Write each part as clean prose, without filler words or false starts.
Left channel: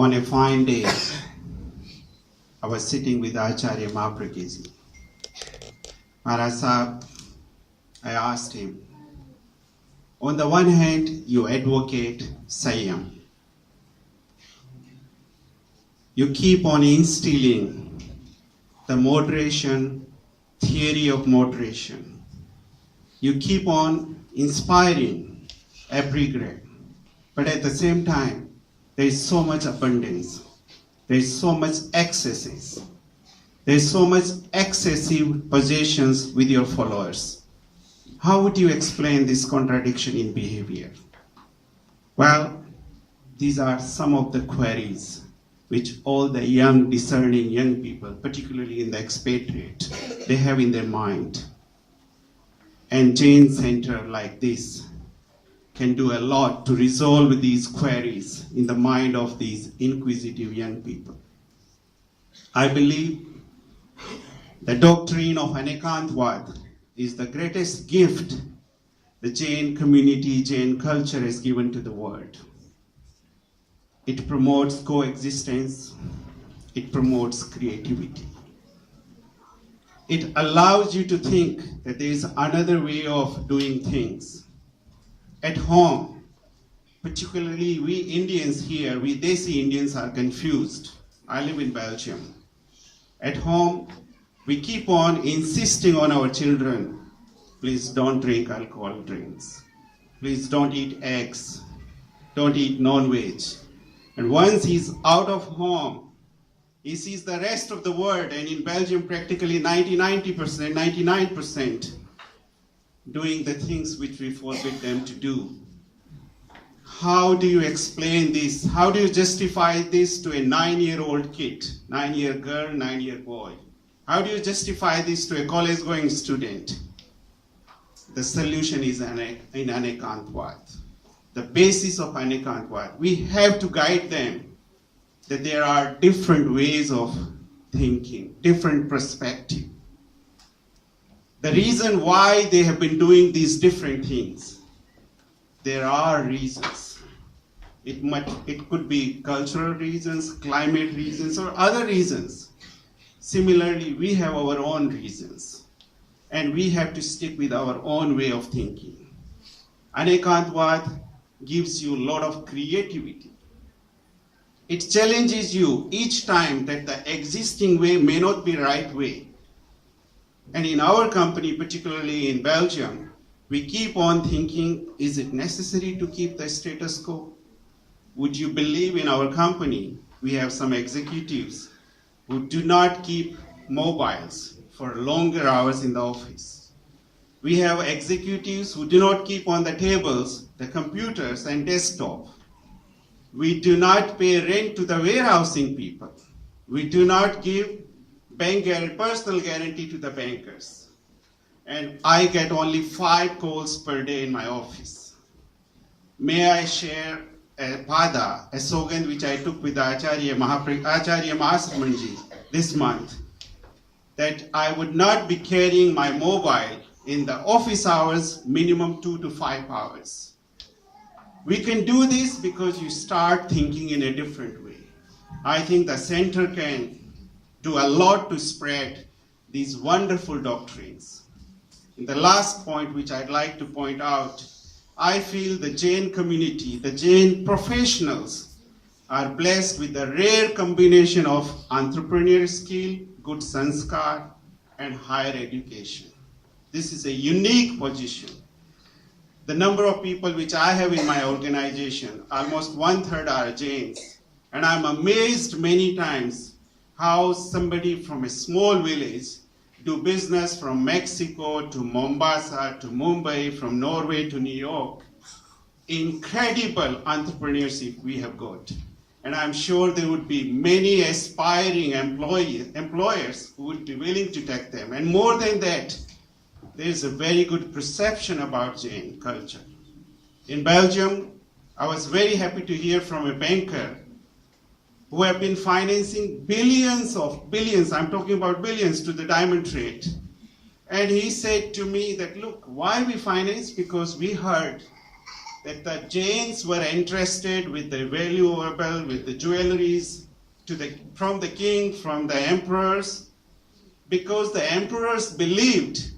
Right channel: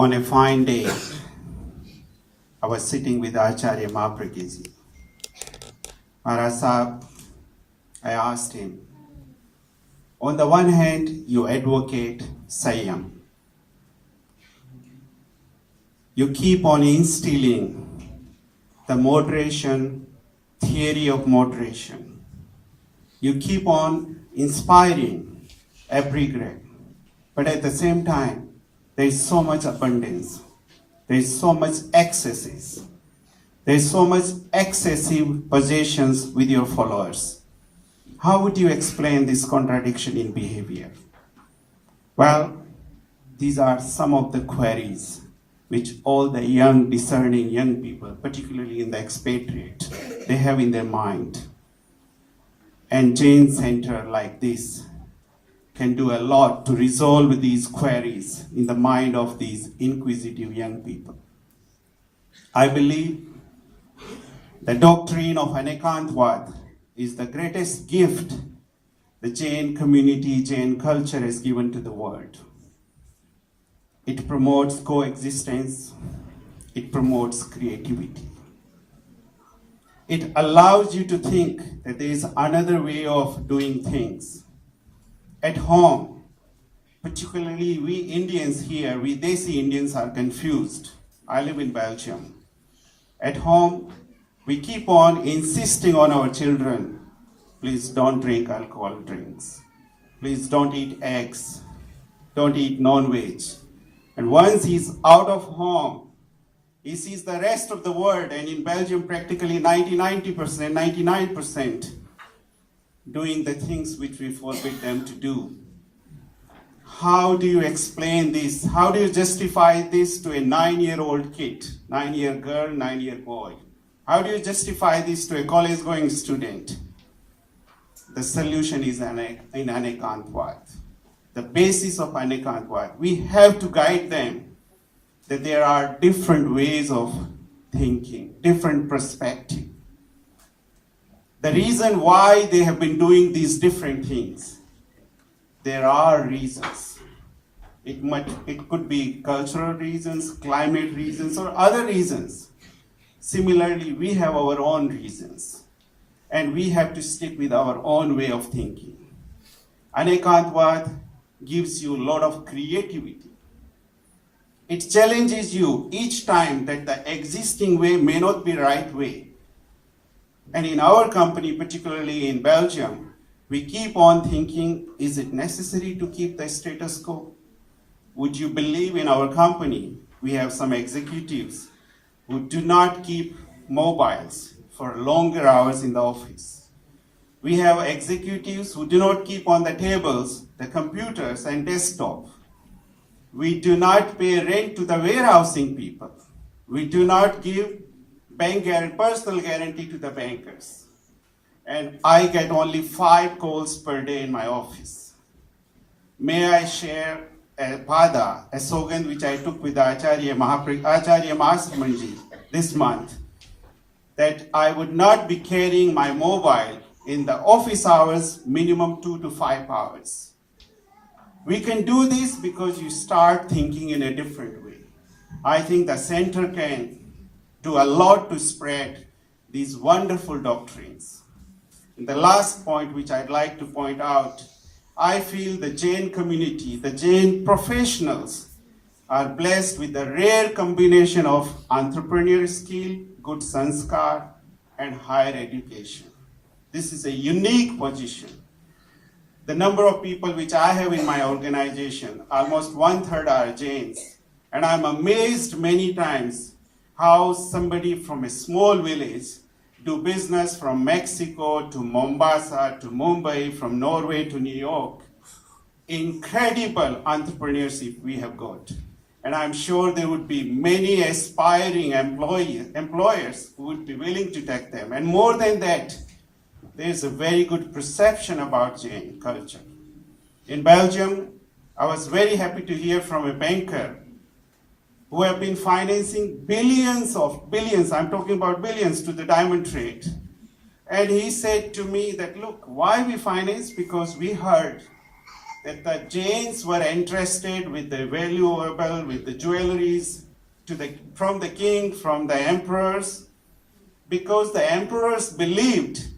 On a fine day, I was sitting with Acharya Mahapragiji. Maharaj Sahib, I asked him, on the one hand, you advocate Sanyam. You keep on instilling the moderation, theory of moderation. You keep on inspiring epigram. But at the same time, there is so much abundance. There is so much excesses. There is so much excessive possessions with your followers. How would you explain this contradiction in behavior? Well, these are some of the queries which all the young, discerning young people, particularly in the expatriate, they have in their mind. And Jain Center like this can do a lot to resolve these queries in the mind of these inquisitive young people. I believe the doctrine of Anekantvad is the greatest gift the Jain community, Jain culture has given to the world. It promotes coexistence, it promotes creativity. It allows you to think that there is another way of doing things. At home, particularly we Indians here, we Desi Indians are confused. I live in Belgium. At home, we keep on insisting on our children, please don't drink alcohol drinks. Please don't eat eggs. Don't eat non-veg. And once he's out of home, he sees the rest of the world, and in Belgium practically 99% doing the things which we forbid them to do. How do you explain this? How do you justify this to a 9-year-old kid, 9-year girl, 9-year boy? How do you justify this to a college-going student? The solution is in Anekantvad. The basis of Anekantvad. We have to guide them that there are different ways of thinking, different perspectives. The reason why they have been doing these different things, there are reasons. It could be cultural reasons, climate reasons, or other reasons. Similarly, we have our own reasons, and we have to stick with our own way of thinking. Anekantvad gives you a lot of creativity. It challenges you each time that the existing way may not be the right way. And in our company, particularly in Belgium, we keep on thinking, is it necessary to keep the status quo? Would you believe in our company, we have some executives who do not keep mobiles for longer hours in the office. We have executives who do not keep on the tables the computers and desktop. We do not pay rent to the warehousing people. We do not give personal guarantee to the bankers. And I get only 5 calls per day in my office. May I share a pada, a slogan which I took with Acharya Mahasamanji this month, that I would not be carrying my mobile in the office hours, minimum 2 to 5 hours. We can do this because you start thinking in a different way. I think the center can do a lot to spread these wonderful doctrines. And the last point which I'd like to point out, I feel the Jain community, the Jain professionals are blessed with a rare combination of entrepreneurial skill, good sanskar, and higher education. This is a unique position. The number of people which I have in my organization, almost 1/3 are Jains. And I'm amazed many times how somebody from a small village do business from Mexico to Mombasa to Mumbai, from Norway to New York. Incredible entrepreneurship we have got. And I'm sure there would be many aspiring employers who would be willing to take them. And more than that, there's a very good perception about Jain culture. In Belgium, I was very happy to hear from a banker who have been financing billions, I'm talking about billions, to the diamond trade. And he said to me that, look, why we finance? Because we heard that the Jains were entrusted with the valuable, with the jewelries from the king, from the emperors, because the emperors believed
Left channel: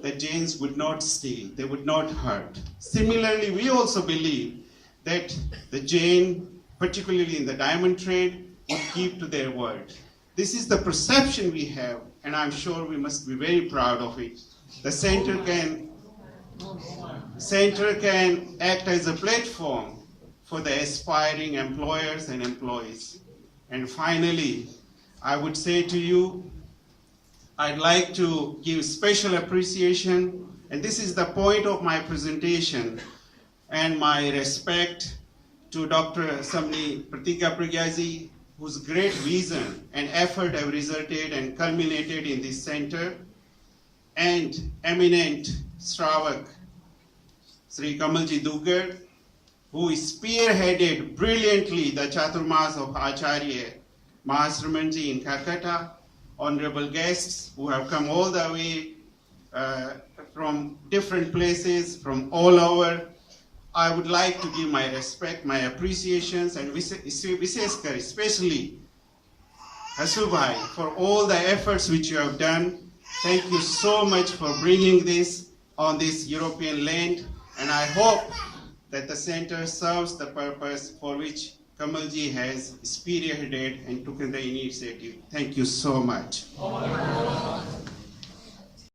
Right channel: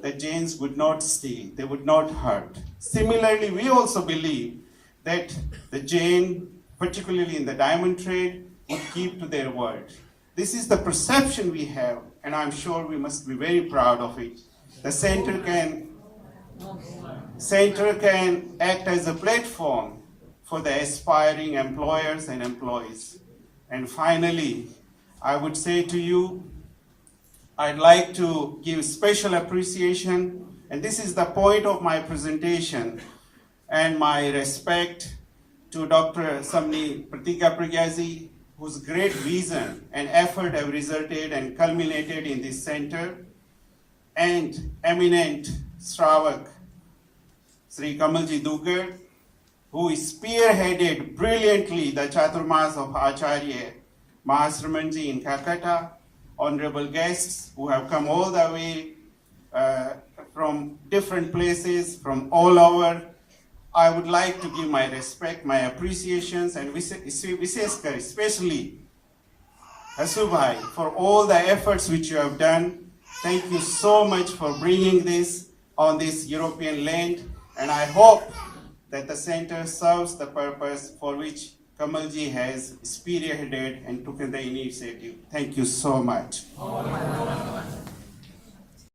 that Jains would not steal, they would not hurt. Similarly, we also believe that the Jain, particularly in the diamond trade, would keep to their word. This is the perception we have, and I'm sure we must be very proud of it. The center can act as a platform for the aspiring employers and employees. And finally, I would say to you, I'd like to give special appreciation, and this is the point of my presentation, and my respect to Dr. Samni Pratika Pragyaji, whose great vision and effort have resulted and culminated in this center, and eminent Shravak, Sri Kamalji Dugar, who spearheaded brilliantly the Chaturmas of Acharya Mahasramanji in Calcutta, honorable guests who have come all the way from different places, from all over. I would like to give my respect, my appreciations, and Viseshkar, especially Hasubhai, for all the efforts which you have done. Thank you so much for bringing this on this European land, and I hope that the center serves the purpose for which Kamalji has spearheaded and taken the initiative. Thank you so much.